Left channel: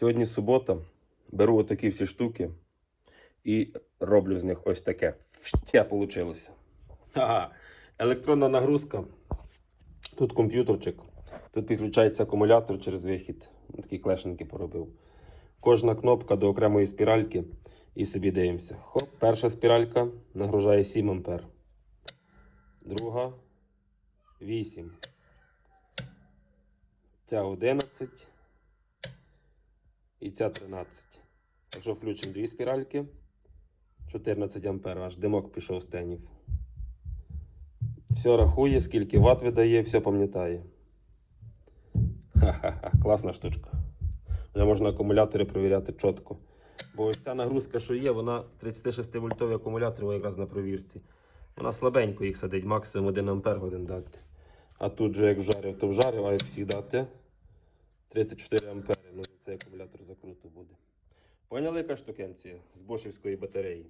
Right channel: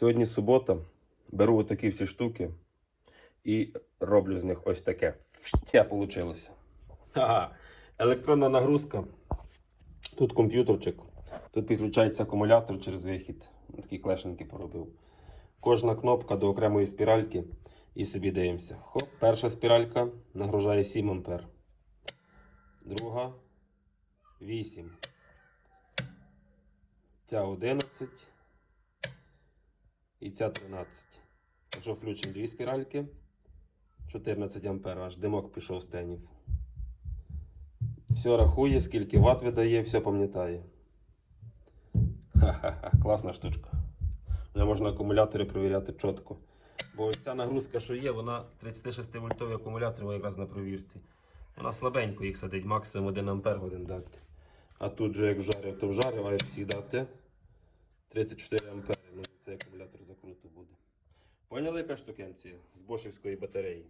Сьогодні субота. Беру отакі всі штуки і роблю з них ось таке. Ще вийшло. Ага. Електронна нагрузка. Тут комп'ютерчик. Тут підключається акумулятор через вихід. Такі клешенки поробив. Кожна кнопка до окремої спіральки. І собі дивимося. Хоп, перша спіралька нагружає 7 ампер. Друга 8. Ця 11. І ця 13. Якщо включимо дві спіральки, 14 ампер, аж димок пішов з тенів. Все рахує, скільки ватт видає, все пам'ятає. Ха-ха-ха, класна штучка. Вже можна акумулятори перевіряти чітко. Бо ось ця нагрузка, що є, вона 36 вольтові акумулятори якраз на провірці. Вона слабенько їх садить, максимум 1 ампер годин дати. А тут же як вжарив, то вжарив, а як всі дати 34 ампери. Ну, цей акумулятор. Яка штукенція з бошівської батареї?